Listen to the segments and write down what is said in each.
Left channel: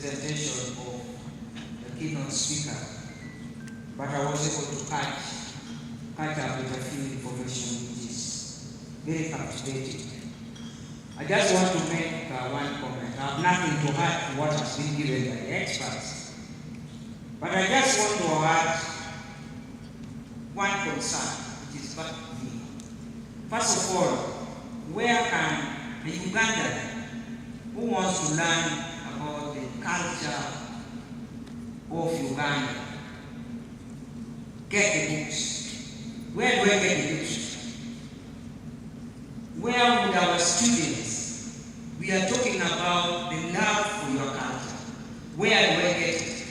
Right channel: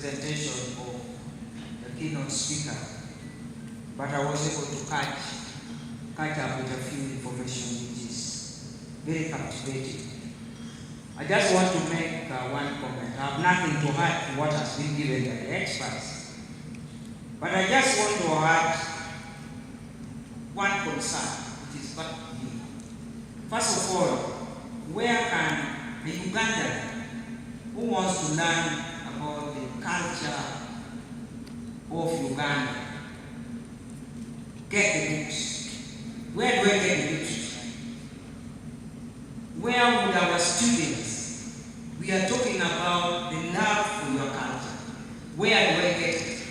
presentation of the keynote speaker, but I was able to catch up with a few information which is very captivating. I just want to make one comment. I have nothing to add to what has been given by the experts, but I just want to add one concern, which is quite big. First of all, where can a Ugandan who wants to learn about the culture of Uganda get the books? Where do I get the books? Where would our students, we are talking about the love for your culture, where do I get it?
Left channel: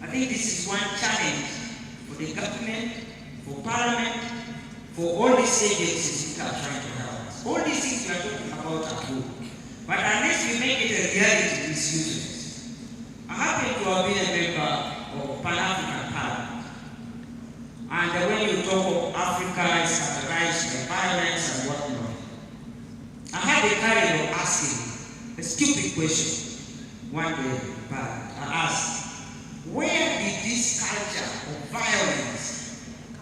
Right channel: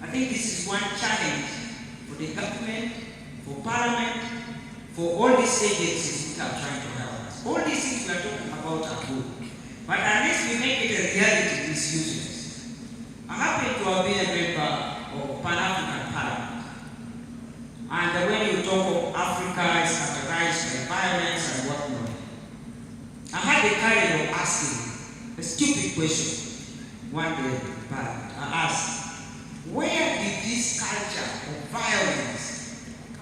I think this is one challenge for the government, for parliament, for all these agencies that are trying to help us. All these things we are talking about are good, but unless we make it a reality, it's useless. I happen to have been a member of Pan-African Parliament. And when you talk of Africa is characterized by violence and whatnot, I had the courage of asking a stupid question one day. I asked, where did this culture of violence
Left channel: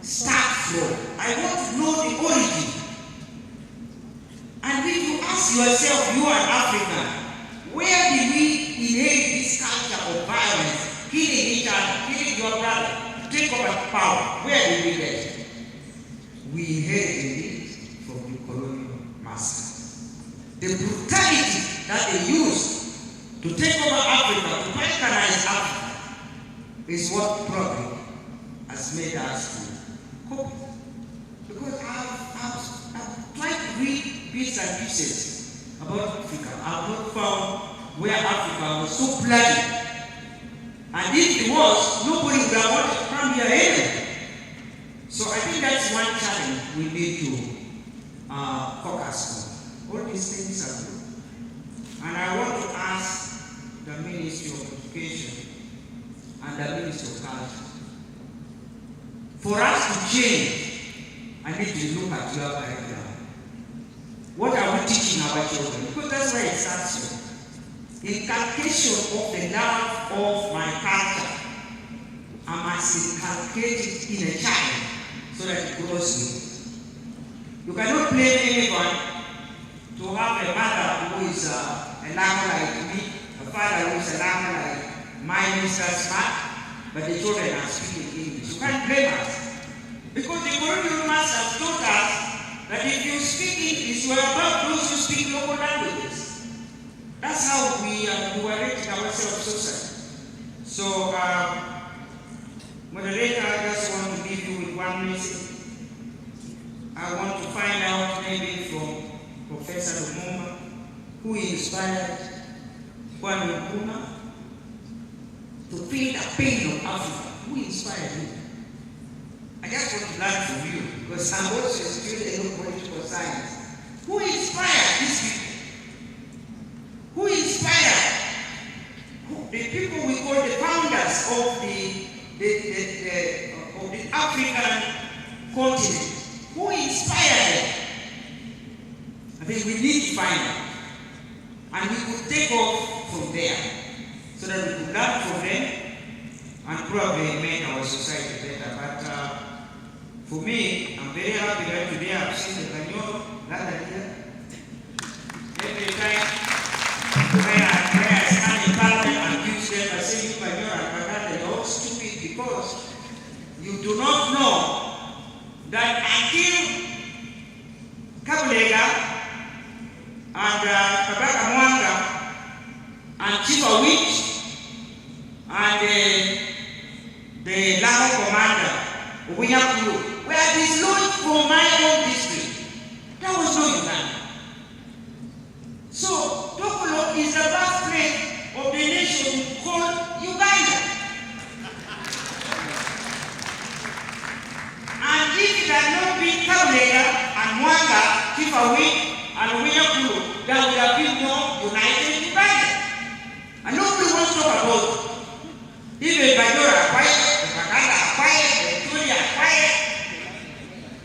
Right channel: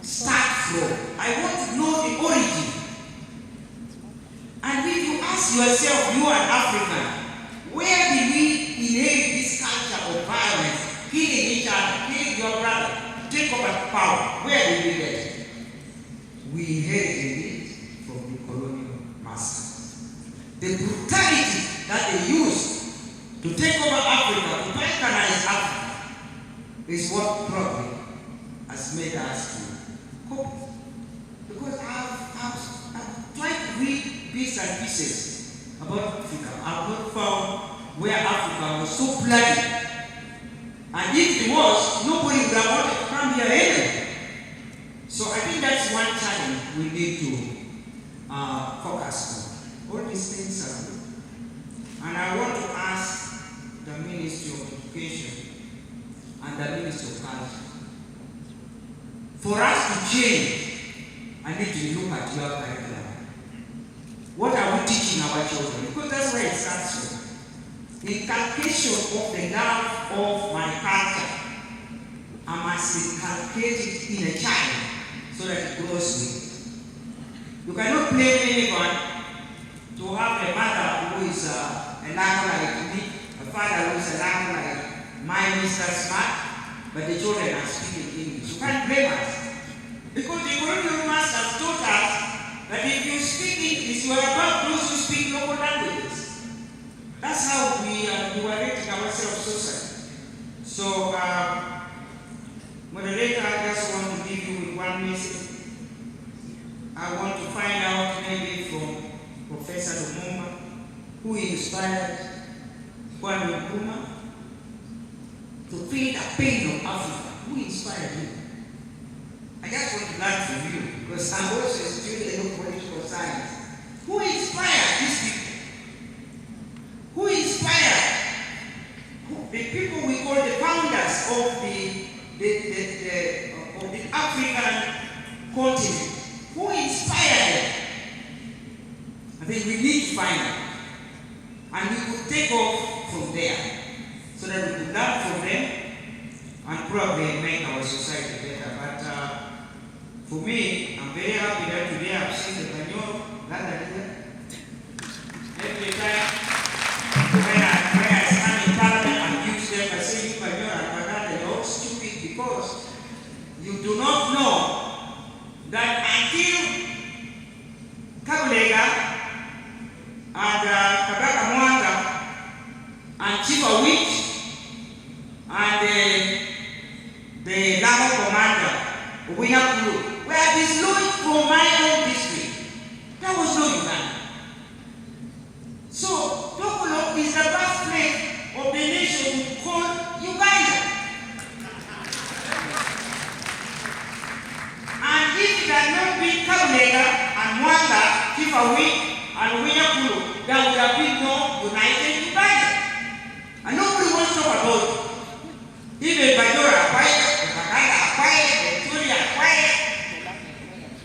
start from? I want to know the origin. And if you ask yourself, you are African, where did we inherit this culture of violence, killing each other, killing your brother, take over power? Where did we get it? We inherited it from the colonial masters. The brutality that they used to take over Africa, to balkanize Africa, is what probably has made us to cope. Because I've tried to read bits and pieces about Africa. I've not found where Africa was so bloody. And if it was, nobody would have wanted to come here anyway. So I think that's one challenge we need to focus on. All these things are good. And I want to ask the Ministry of Education and the Ministry of Culture, for us to change, I need to look at your curriculum. What are we teaching our children? Because that's where it starts from. Inculcation of the love of my culture. I must inculcate it in a child so that it grows with it. You cannot blame anyone to have a mother who is a lamb like me, a father who is a lamb like my Mr. Smart, but the children are speaking English. You can't blame us. Because the colonial masters taught us that if you speak English, you are above those who speak local languages. That's how we are rating ourselves socially. So, moderator, I just want to leave you with one message. I want to find out maybe from Professor Lumumba, who inspired Kwame Nkrumah to feel the pain of Africa. Who inspired him? I just want to learn from you, because I'm also a student of political science. Who inspired these people? Who inspired the people we call the founders of the African continent? Who inspired them? I think we need to find out. And we could take off from there so that we could learn from them and probably make our society better. But for me, I'm very happy that today I've seen the Kanyoro, every time when I stand in Parliament and use them, I say, you Kanyoro and Baganda, you're all stupid because you do not know that until Kabulega and Kabaka Mwanga and Chief Awich and the Lago Commander, Winyakulu, were dislodged from my own district. There was no Uganda. So, Tokolo is the birthplace of the nation called Uganda. And if it had not been Kabulega and Mwanga, Chief Awich, and Winyakulu, there would have been no united Uganda. And nobody wants to talk about it. Even Bajora are quiet, the Baganda are quiet, the Turi are quiet.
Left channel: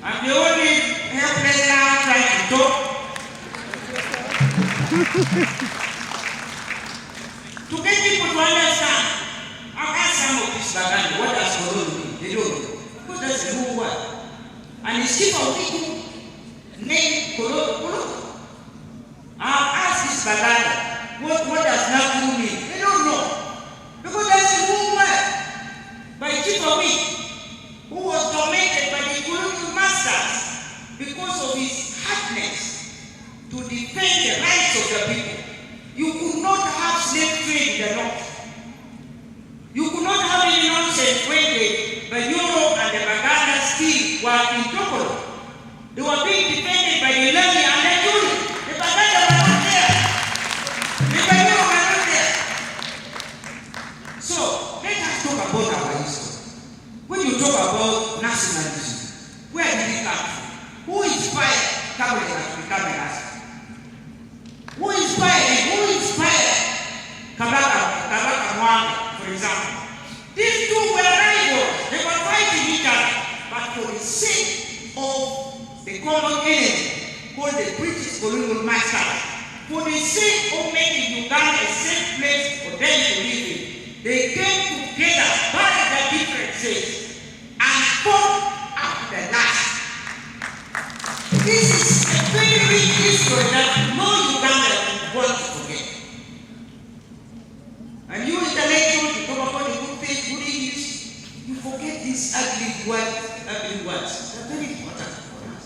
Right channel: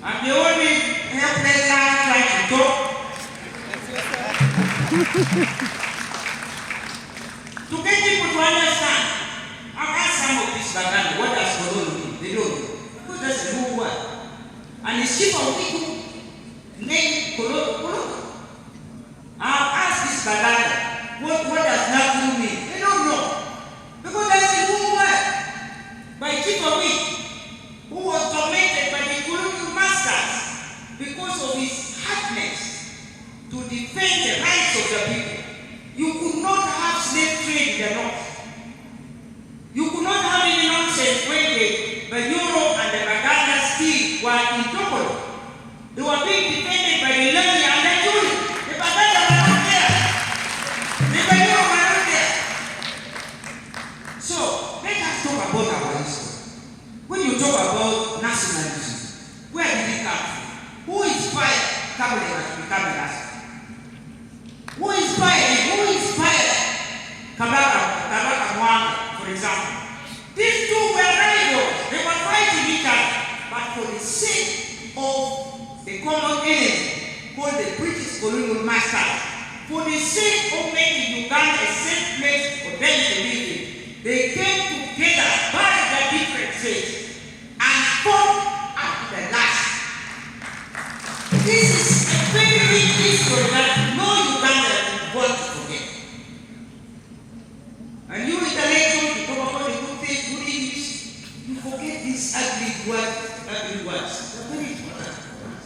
I'm the only helpless now trying to talk. To get people to understand and his chief of people named Kolo. I've asked this Baganda, what does Nakuru mean? They don't know. Because that's the whole word by chief of it, who was tormented by the colonial masters because of his hardness to defend the rights of the people. You could not have slave trade in the north. You could not have any nonsense when the Euro and the Baganda still were in trouble. They were being defended by the Levy and the Yuri. The Baganda were not there. The Euro were not there. So, let us talk about our history. When you talk about nationalism, where did we come from? Who inspired Kabila to become a nation? Who inspired him? Who inspired Kabaka Mwanga, for example? These two were rivals. They were fighting each other. But for the sake of the common enemy, called the British colonial master, for the sake of making Uganda a safe place for them to live in, they came together, buried their differences, and fought up the last. This is a very rich history that no Uganda want to forget. And you intellectuals, you talk about the good things, good English, you forget these ugly words. They're very important for us.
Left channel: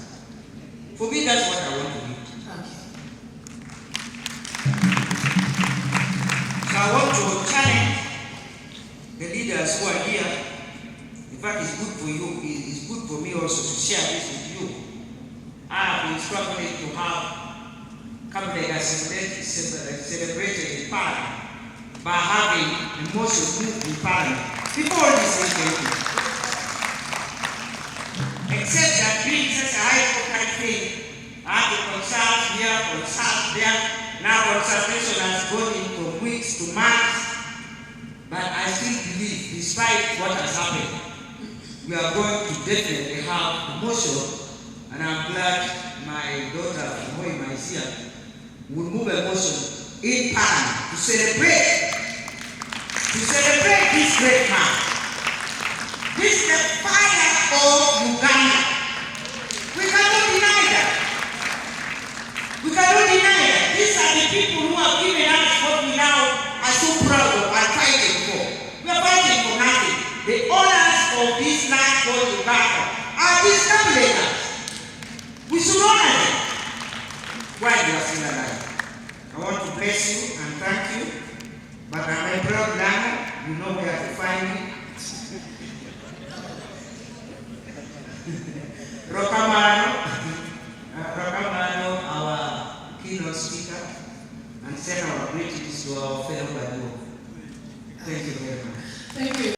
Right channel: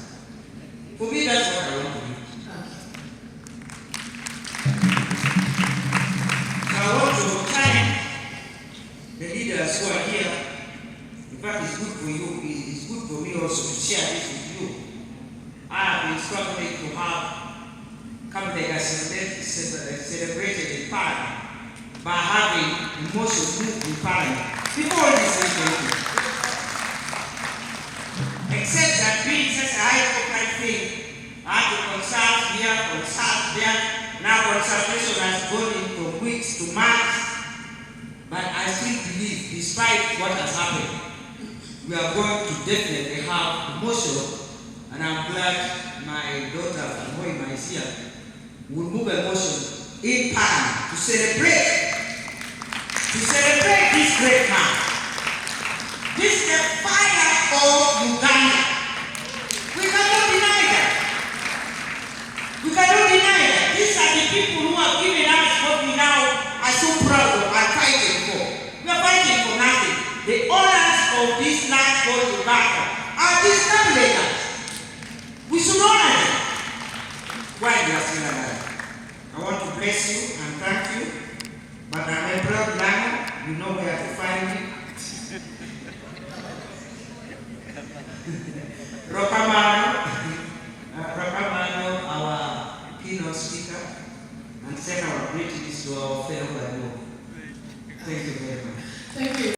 For me, that's what I want to do. So I want to challenge the leaders who are here. In fact, it's good for you, it's good for me also to share this with you. I have been struggling to have Kabila celebrated in Parliament by having a motion moved in Parliament before this weekend. Except that being such a high-profile thing, I had to consult here, consult there. Now consultation has gone in from weeks to months. But I still believe, despite what has happened, we are going to definitely have a motion. And I'm glad my daughter, Moima, is here, will move a motion in Parliament to celebrate this great man. This is the fire of Uganda. We cannot deny that. We cannot deny that. These are the people who have given us what we now are so proud of and fighting for. We are fighting for nothing. The owners of this land called Uganda are these Kabila. We should honor them while we are still alive. I want to bless you and thank you. But I'm a proud Lano. You know where to find me. Rokamano, our keynote speaker, and send our greetings to our fellow Badu. Thank you very much. Thank you.